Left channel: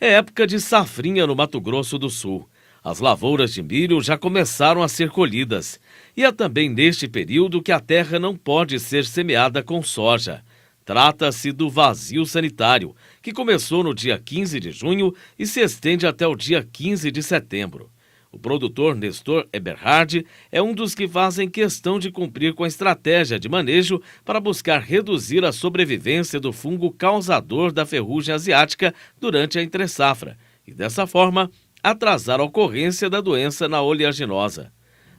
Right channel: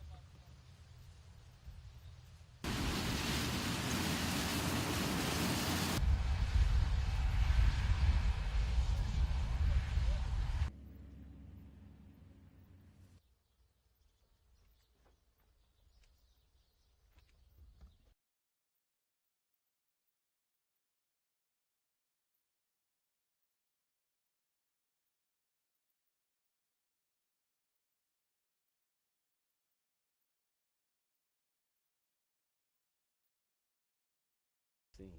É época de safrinha no Mato Grosso do Sul. As lavouras de milho já começaram a ser colhidas. E é também neste período que a terra não pode ser semeada com soja. Trata-se do vazio sanitário, que começou no dia 15 de junho e se estende até o dia 15 de setembro. O produtor Nestor Eberhard é um dos que fazem questão de cumprir com a estratégia de manejo para buscar reduzir a sobrevivência do fungo causador da ferrugem asiática durante a entre-safra e, dessa forma, atrasar a ocorrência da doença na oleaginosa.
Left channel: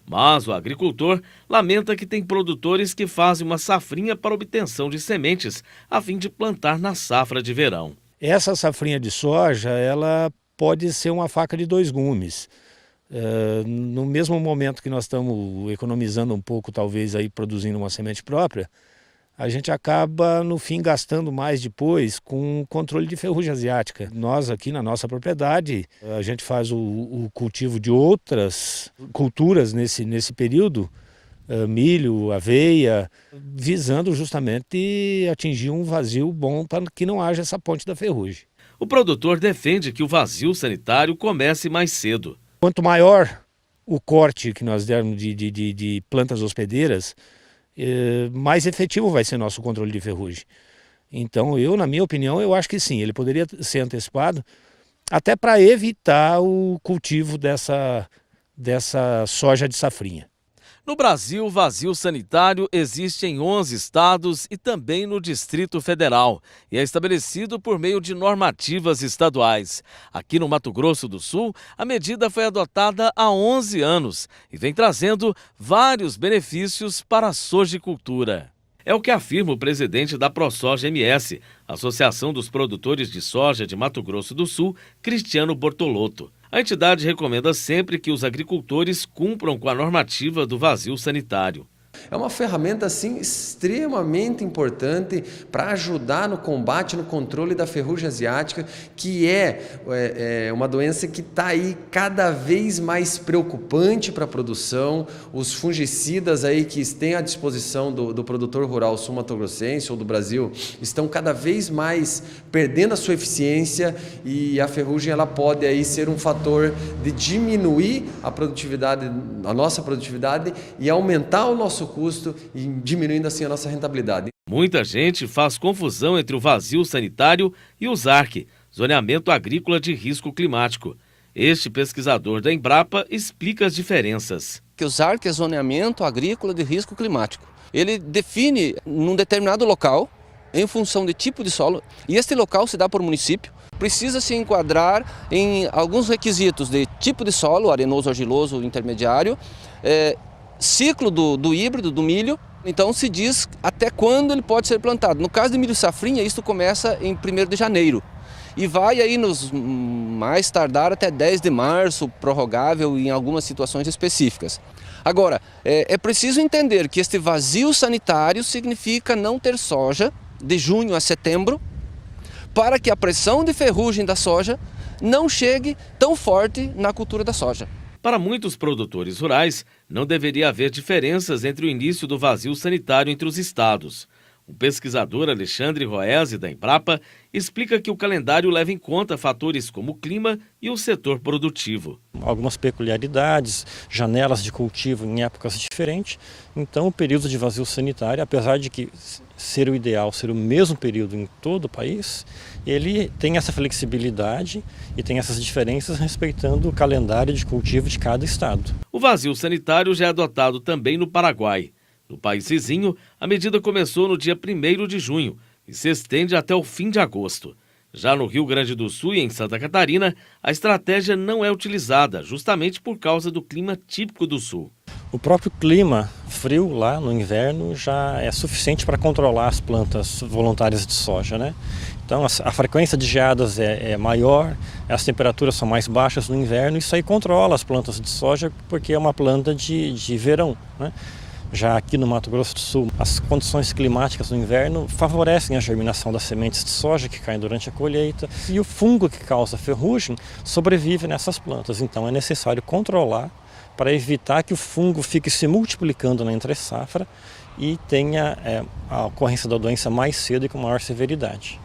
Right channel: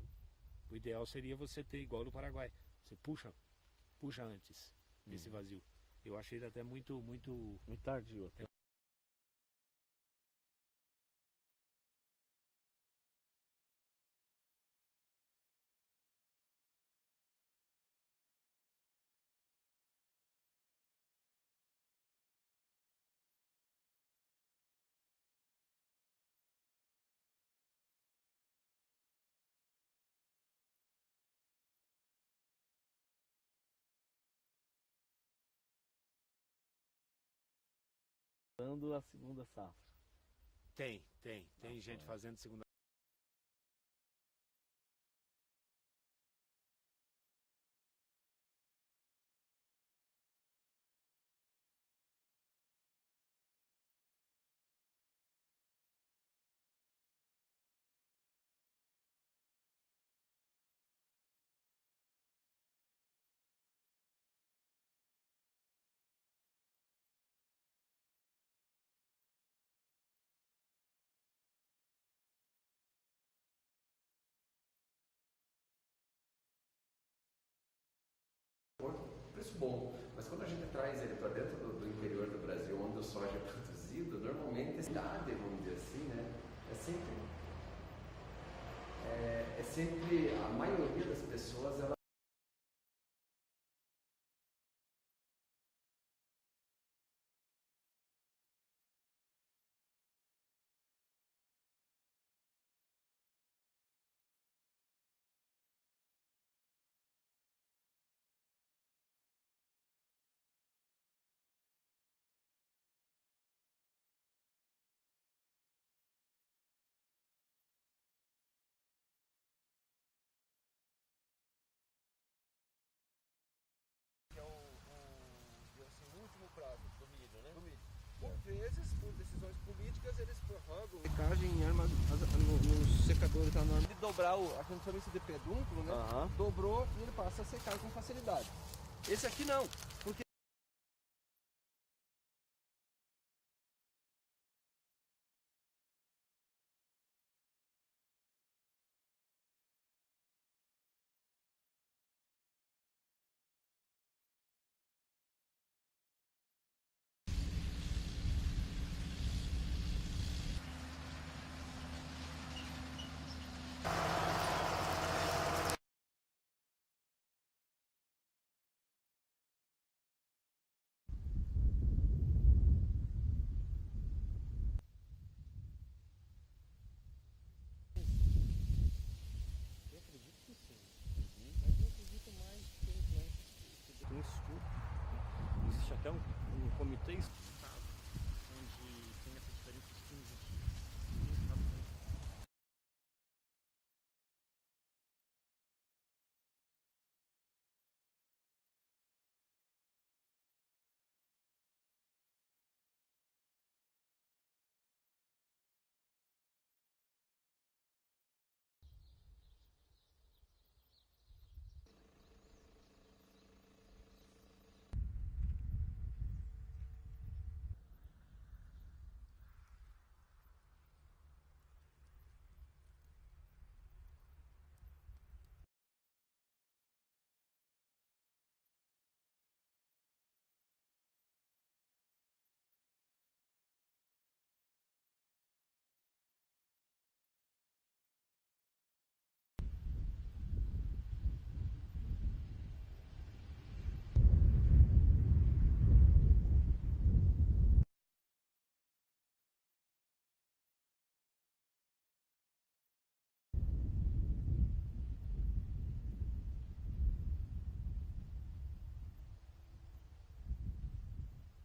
Mas o agricultor lamenta que tem produtores que fazem uma safrinha para obtenção de sementes a fim de plantar na safra de verão. Essa safrinha de soja, ela pode ser uma faca de dois gumes. No mesmo momento que nós estamos economizando um pouco, talvez aí produzindo uma semente própria, a gente acaba no fim gastando mais depois com o controle de ferrugem asiática. Nós aqui na nossa propriedade, a gente faz o cultivo de outras culturas nesse período, milho, aveia, visando justamente atingir um vazio bom para que não haja essa ponte da ferrugem. O produtor defende que o vazio sanitário comece mais cedo. Quanto maior o corte que nós dermos de plantas hospedeiras, mais efetivo vai ser nosso controle de ferrugem. Então, na minha opinião, eu acho que sim, ele poderia ser antecipado, até para evitar o cultivo dessa soja de safrinha. No Brasil, o vazio sanitário existe em 11 estados e também no Distrito Federal e é estabelecido por meio de normativas estaduais. Aqui no Mato Grosso do Sul, a medida foi adotada há 11 anos e vem trazendo vários benefícios para a sojicultura. É o que afirma o presidente da ProSoja MS, Associação dos Produtores de Soja de Mato Grosso do Sul, Cristiano Bortolotto. A entidade recomenda sempre que os agricultores cumpram com a normativa do vazio sanitário. É uma ferramenta assim extremamente importante para ajudar no combate, no controle da ferrugem asiática, que é uma doença que está aí cada vez mais preocupante para a produção. Os fungicidas aí que têm à disposição do produtor rural sul-mato-grossense ou do Brasil estão cada vez mais perdendo a sua eficiência e a ferrugem ela pode aí ser um fator de diminuir a produtividade, a nossa produtividade e aumentar o nosso custo e diminuindo assim a nossa rentabilidade. Muita gente faz confusão entre o vazio sanitário e o ZARC, Zoneamento Agrícola de Risco Climático. Este pesquisador da Embrapa explica as diferenças. O ZARC é Zoneamento Agrícola de Risco Climático. Ele define num determinado local, em função de tipo de solo, e este local se dá por município, precisa se enquadrar em alguns requisitos de tipo de solo, arenoso, argiloso, intermediário, ciclo do híbrido, do milho, então se diz até quando ele pode ser plantado. No caso de milho safrinha, isso começa em 1º de janeiro e vai aí nos mais tardar até 10 de março, prorrogável em algumas situações específicas. Agora, é preciso entender que este vazio sanitário significa não ter soja de junho a setembro, para que a pressão de ferrugem da soja não chegue tão forte na cultura da soja. Para muitos produtores rurais, não deveria haver diferenças entre o início do vazio sanitário entre os estados. O pesquisador Alexandre Roese, da Embrapa, explica que o calendário leva em conta fatores como o clima e o setor produtivo. Algumas peculiaridades, janelas de cultivo em épocas diferentes. Então, o período de vazio sanitário, apesar de que ser o ideal ser o mesmo período em todo o país, ele tem essa flexibilidade e tem essas diferenças respeitando o calendário de cultivo de cada estado. O vazio sanitário já é adotado também no Paraguai. No país vizinho, a medida começou no dia 1º de junho e se estende até o fim de agosto. Já no Rio Grande do Sul e em Santa Catarina, a estratégia não é utilizada, justamente por causa do clima típico do sul. O próprio clima frio lá no inverno já é suficiente para controlar as plantas voluntárias de soja, né? Então a frequência de geadas é maior, as temperaturas são mais baixas no inverno, isso aí controla as plantas de soja porque é uma planta de verão, né? Já aqui no Mato Grosso do Sul, as condições climáticas no inverno favorecem a germinação das sementes de soja que caem durante a colheita e o fungo que causa ferrugem sobrevive nessas plantas. Então é necessário controlar para evitar que o fungo fique se multiplicando na entre-safra e tenha a ocorrência da doença mais cedo e com maior severidade.